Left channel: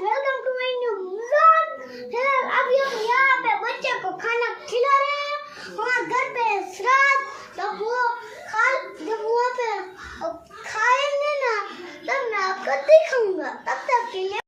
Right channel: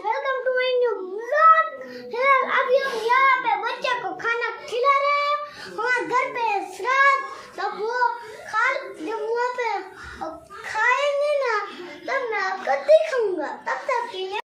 Welcome to my new vlog. फिलहाल अभी हम यहाँ पे बच्चे को खाना खिला रहे हैं। हमारे घर पे श्राद्ध, जब वहाँ पे खाएंगे ना तब मैं आपको दिखाऊंगा। तब तक के लिए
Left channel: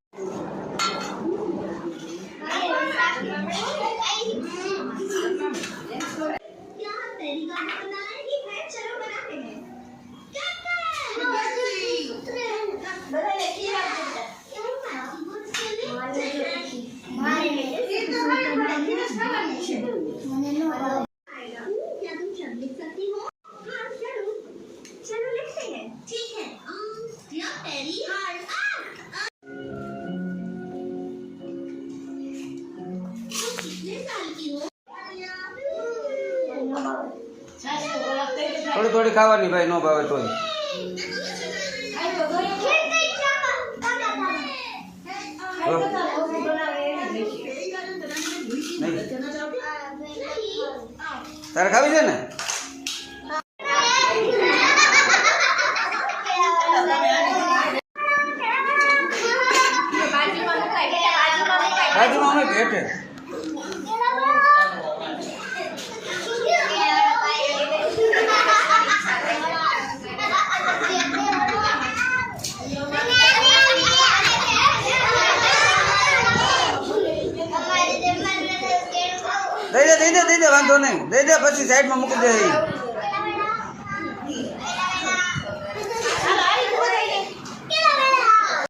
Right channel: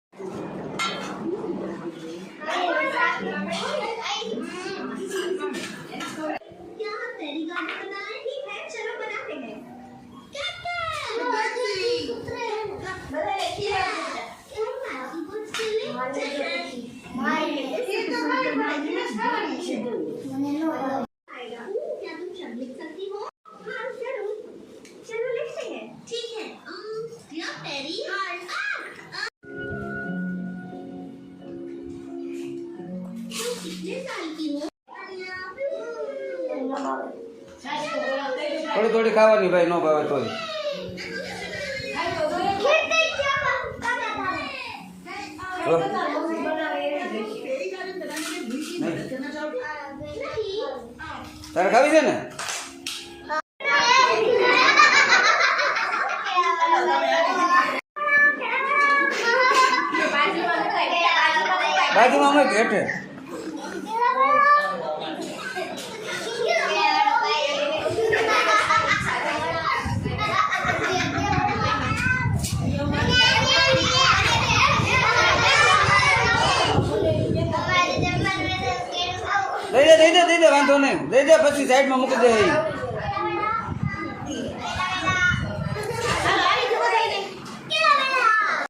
थोड़ी थोड़ी खावानी भाई, नो भावे तो तारे खावी छे ने बाजू में हमें भेट है। दे दे वांधो नहीं, दे दे, पछी साइड में मूकी दे।